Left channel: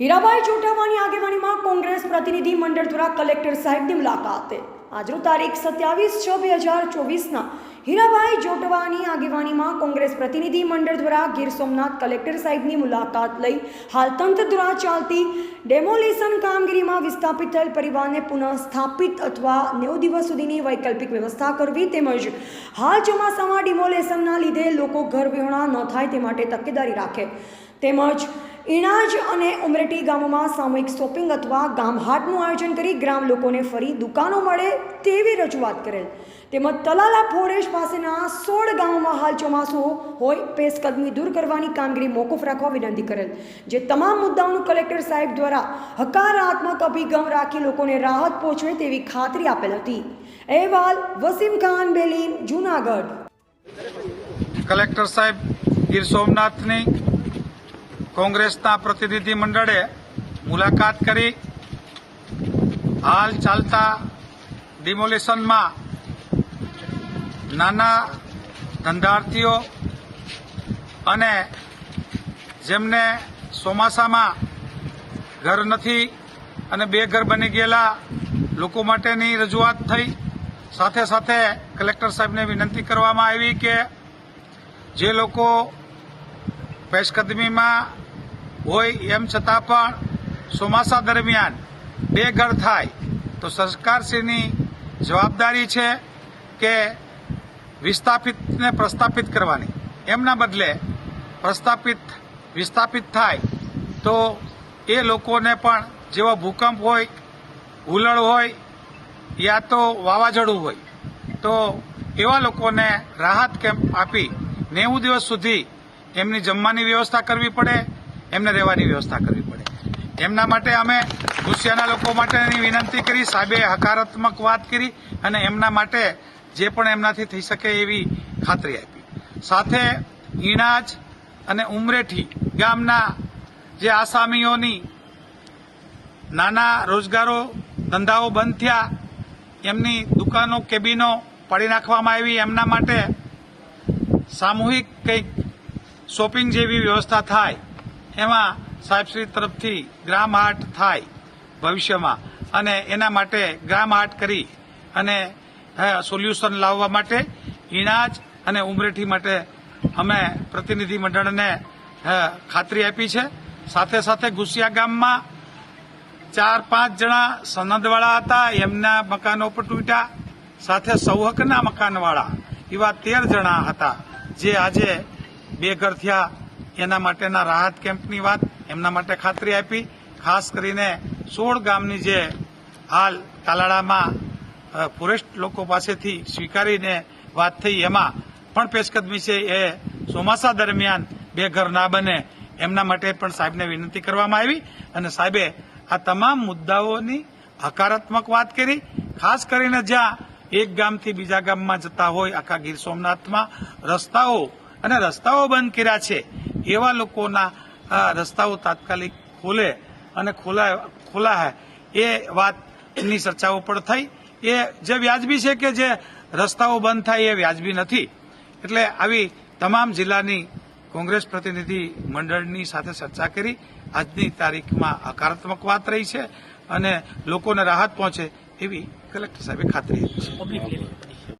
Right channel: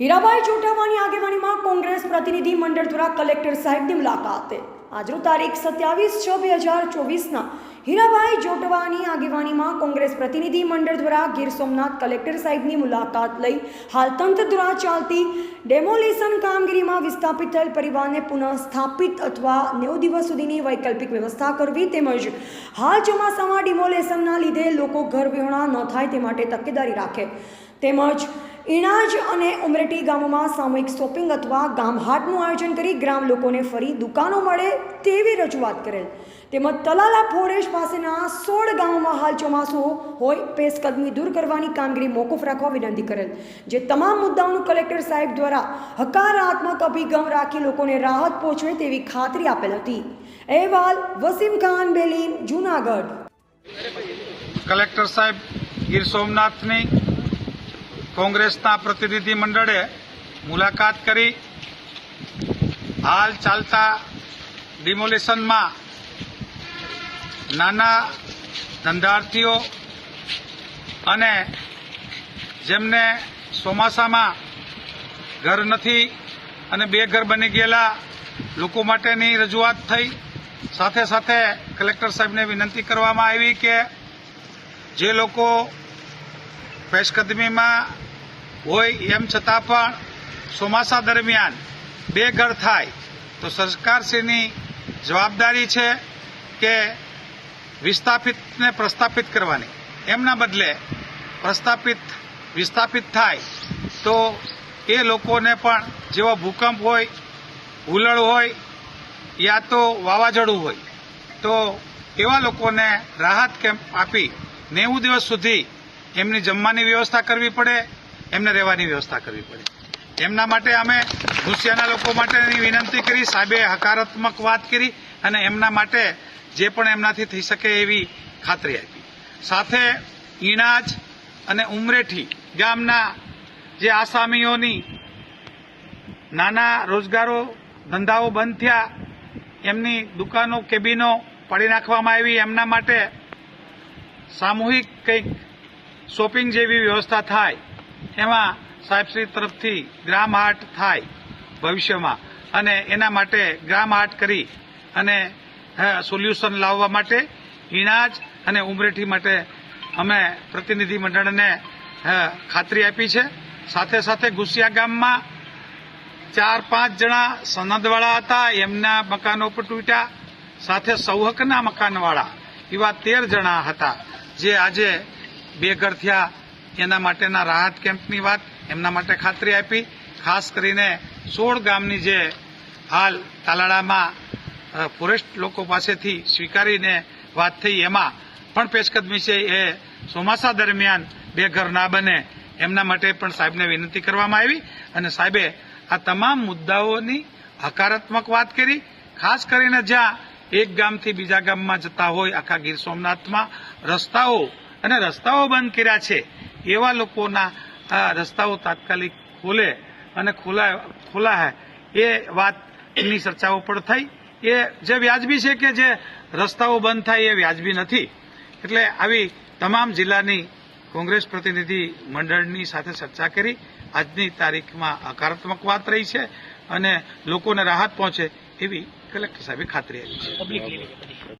હીરાભાઈ જોટાવાની આગેવાનીમાં કોંગ્રેસ પ્રતિનિધિ મંડળ દ્વારા કલેક્ટર સાહેબની મુલાકાતે આજરોજ તારીખ 27/6/2024ના હીરાભાઈ જોટવાની આગેવાનીમાં કોંગ્રેસ પ્રતિનિધિ મંડળ દ્વારા ગીર સોમનાથ કલેક્ટર સાહેબની મુલાકાત લઈ હાલ તંત્ર દ્વારા ચાલતી ડેમોલિશન કામગીરીમાં વિસ્થાપિત થયેલ પરિવારને પુનઃ સ્થાપિત અથવા 90 દિવસ સુધીની વૈકલ્પિક વ્યવસ્થા કરવી તેમજ હાલ ચોમાસામાં ડિમોલેશનના લીધે લોકો ઘર વિહોણા ન થાય તે માટે તકેદારી રાખે તેમજ ઇણાજ અને ઉમરેઠી ગામોમાં સામૂહિક શોપિંગ અથવા ગામહાટનું આયોજન કરી ગ્રામ લોકોને ફરી દુકાનો મળે તેવી રજૂઆત કરેલ તેમજ તલાલા ફોરેસ્ટ પાસેના 16 ગામોમાં હાલ ચોમાસું હોય પેશકદમી દૂર કરવાની કામગીરી મોકૂફ રાખવા વિનંતી કરેલ જે તમામ મુદ્દાઓનું કલેક્ટર સાહેબ દ્વારા હકારાત્મક અભિગમ રાખી લોકોને રાહત પહોંચે તેવી ખાતરી આપેલ હતી। અહેવાલ વસીમ ખાન બેલીન, જૂનાગઢ। કલેક્ટર સાહેબ ગીર સોમનાથની કોંગ્રેસના પ્રતિનિધિ મંડળે મુલાકાત કરી હાલ ચાલતા ડિમોલિશનમાં નાના ધંધાર્થીઓ અને જેમને ચોમાસામાં ઘર નથી અને બેઘર બની ગયેલા લોકો માટેની રજૂઆત થઈ। સાથે સાથે કલેક્ટર સાહેબને વિનંતી કરવામાં આવી કે જે લોકો પેશકદમીમાં હોય એમ છતાં પણ ચોમાસા દરમિયાન બેઘર થાય તો સરકારશ્રીની જવાબદારી છે કે પ્રસ્થાપિત કરવાની, એમના બદલે વિસ્થાપિત થાય તો એ લોકોને પણ જેવો ભૂકંપ હોય, હુલડ હોય યા તો વાવાઝોડું હોય તો એવા લોકોને રાહત કેમ્પ આપી 90 દિવસ સુધી એમની જમવાની વ્યવસ્થા કરવી પડે, એમને રહેવાની વ્યવસ્થા કરવી પડે। એમના માટે અમે ગુસ્સાના લોકો માટેની વિનંતી કરી, સાહેબે હકારાત્મક વાત કરી અને એમના માટે જે પણ એમનાથી થઈ શકે એવી ખાતરી આપી। સાથે ઇણાજ અને ઉમરેઠી ગામના જે આસામીઓની નાના રોજગારો ધંધાઓ બંધ થયા, એમની દુકાનો કેબિનો પાડી નાખવામાં આવી, એમના માટે સામૂહિક કંઈક શોપિંગ જેવી વ્યવસ્થા થાય, એમાં સાહેબશ્રી તરફથી ગ્રામ હાટ થાય ભવિષ્યમાં અને એના માટે ગ્રામ હાટ કરી અને સોલ્યુશન લાવવા માટે ઇણાજ અને ઉમરેઠી માટે અમે પ્રતિનિધિ મંડળને ખાતરી આપી છે। સાથે સાથે ગુસિયા ગામમાં 4-5 જણા સનદવાળા હતા, એમના મકાનો પર તૂટ્યા, સાથે સૌહકના મકાનવાળા એવા 13 જણા હતા જે આજે બેઘર થયા। એના માટેના રાહત કેમ્પની વાત એમના માટે ખાતરી આપી। ખાસ કરીને 16 ગામની જે હાલ તાલાળામાં ફોરેસ્ટ લોકો પાસેથી સ્વીકારીને વાત થઈ એમાં પણ પેશકદમી છે એ ચોમાસા દરમિયાન બેઘર ના બને એમના માટે પણ સાહેબને વિનંતી કરવામાં આવી અને સાહેબે આ તમામ મુદ્દાઓની હકારાત્મક વાત કરી। ખાસ કરીને જ્યાં એક ગામથી બીજા ગામમાં જતા હોય આખા ગીર સોમનાથમાં રસ્તાઓ બંધ કર્યા છે, એવા લોકોના રસ્તાઓ તાત્કાલિક ખોલે અને ખોલાય એ વાતની ચર્ચાઓ પણ થઈ। એ જે વ્યાજબી છે કે જે રસ્તાઓ બંધ થાય એ વ્યાજબી નથી, એટલે આવી તમામ જિલ્લાની કોંગ્રેસ પ્રતિનિધિ મંડળની સાથે ચર્ચા કરી આજની તારીખમાં હકારાત્મક વાત રહી છે અને લોકોને રાહત પહોંચે એવી કલેક્ટર સાહેબે ખાતરી આપી છે।